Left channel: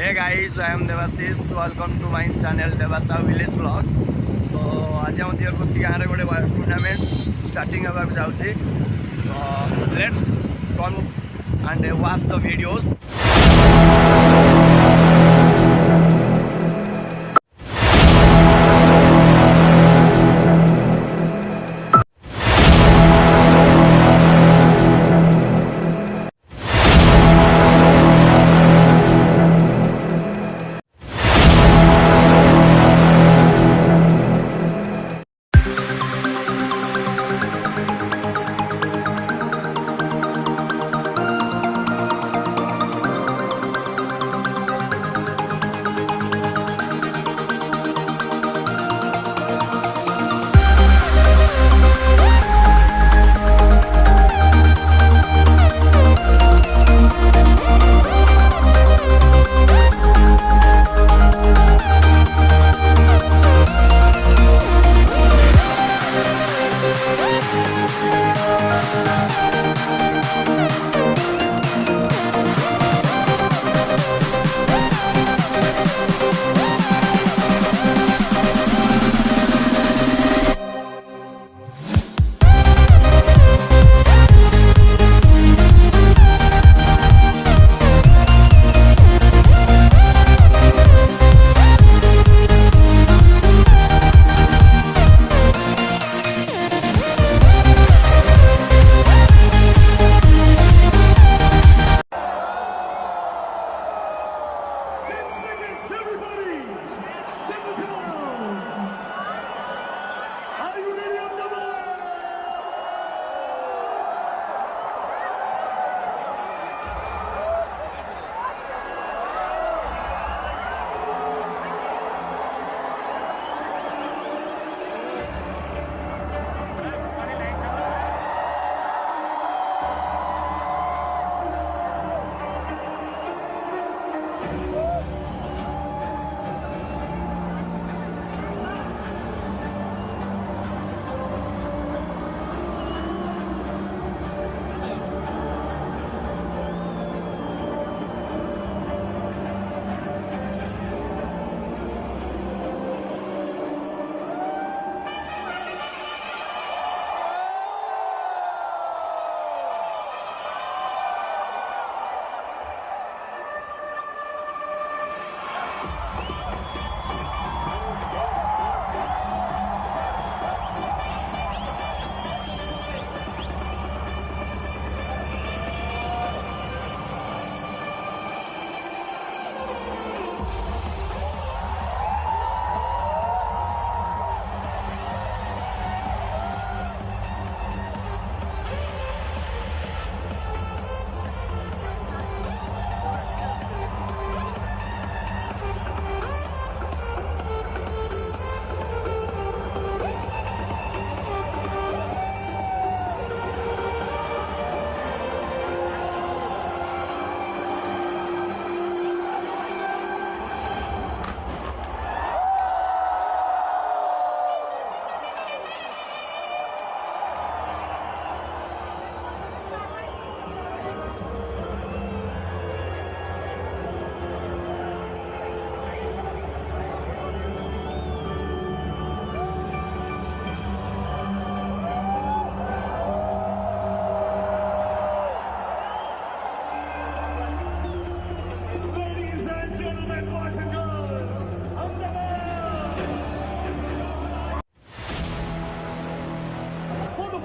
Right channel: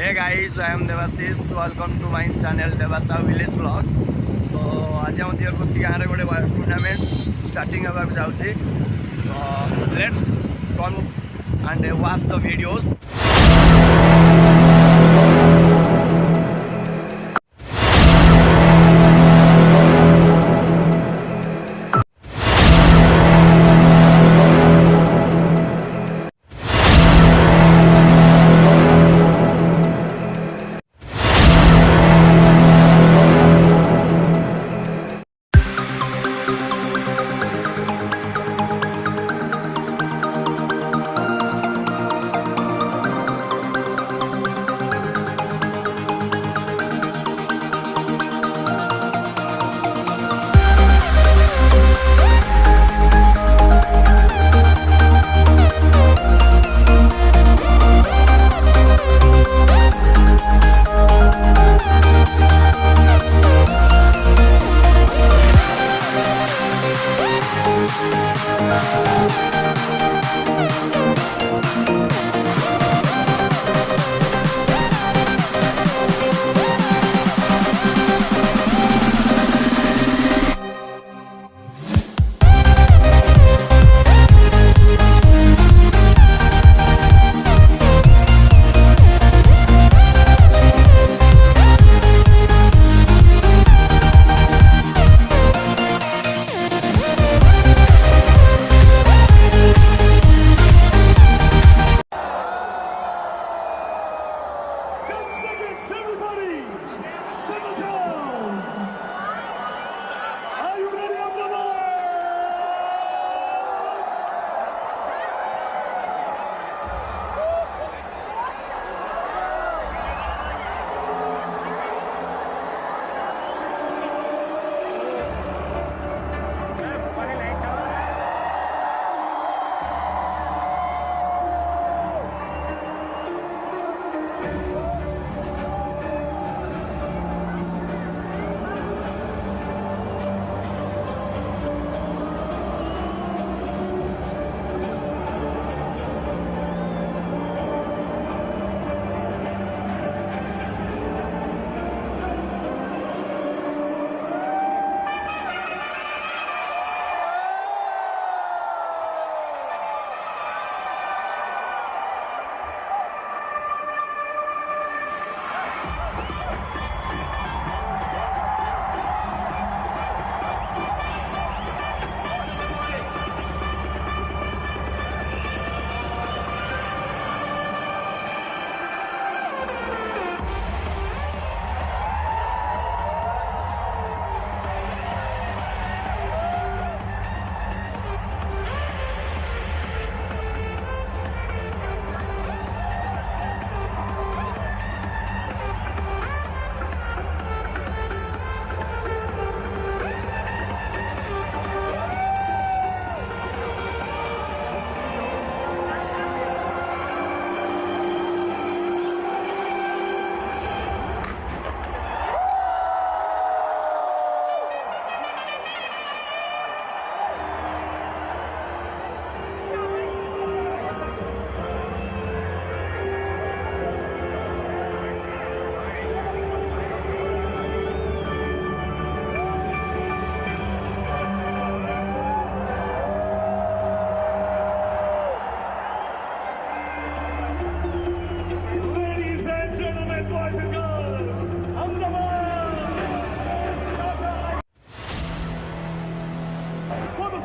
Hey guys, I am Debasis. Welcome to my channel Debasahu Village Vlogs. तो आज हम दियर कोसी गाँव रे गोटे टूर्नामेंट स्टार्टिंग होगा जाउची. तो let's come and watch the videos.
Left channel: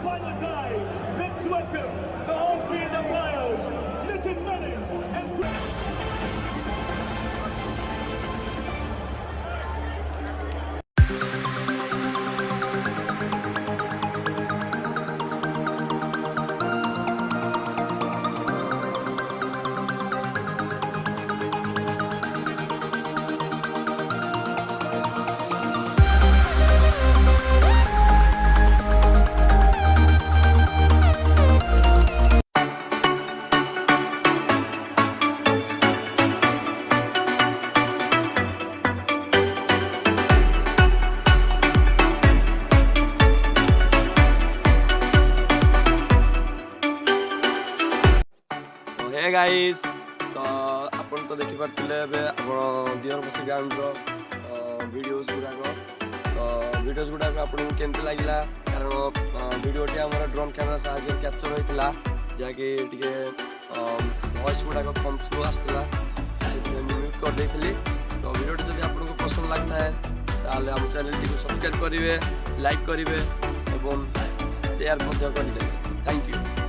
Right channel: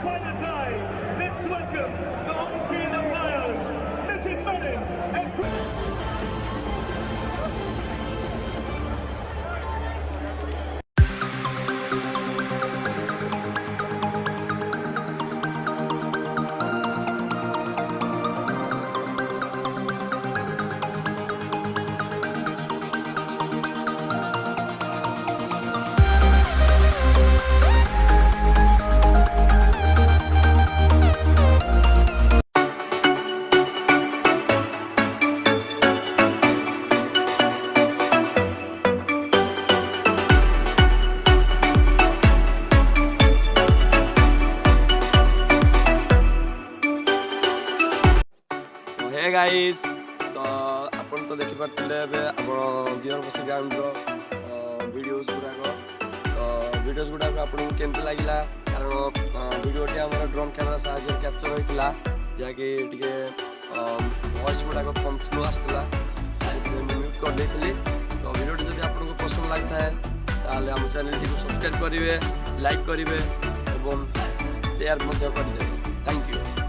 Final time, let's welcome the on-field umpires, Nitin Menon and hey guys तो ଆପଣ ତ ଦେଖିପାରୁଥିଲେ ଏବେ ଆପଣ ଦିଅରପସି ଗ୍ରାଉଣ୍ଡର ଭିଡ଼ିଓଜ୍ ଗୁଡ଼ାକ। ତ ଭିଡ଼ିଓଜ୍ ଗୁଡ଼ାକ ଆପଣଙ୍କୁ କେମିତି ଲାଗିଲା? କାରଣ ଭିଡ଼ିଓଟି ଆମର ଡ୍ରୋନ୍ କ୍ୟାମେରା ସାହାଯ୍ୟରେ କ୍ୟାପଚର୍ ହୋଇଥିଲା, ଯାହାକି ଟିକେ ଭଏସ୍ ଗୁଡ଼ାକ କମ୍ ସ୍ଲୋ ଆସୁଥିଲା, ସେଥିପାଇଁ ମୁଁ ମ୍ୟୁଟ୍ କରିଦେଇଥିଲି। ତ ଭିଡ଼ିଓଟି ଯଦି ଆପଣଙ୍କୁ ପସନ୍ଦ ଲାଗିଥାଏ ତାହେଲେ ଆମ ଚ୍ୟାନେଲଟିକୁ ସବସ୍କ୍ରାଇବ୍ କରିବେ, ଲାଇକ୍ କରିବେ ଏବଂ ସେୟାର ମଧ୍ୟ କରିଦେବେ। Thank you.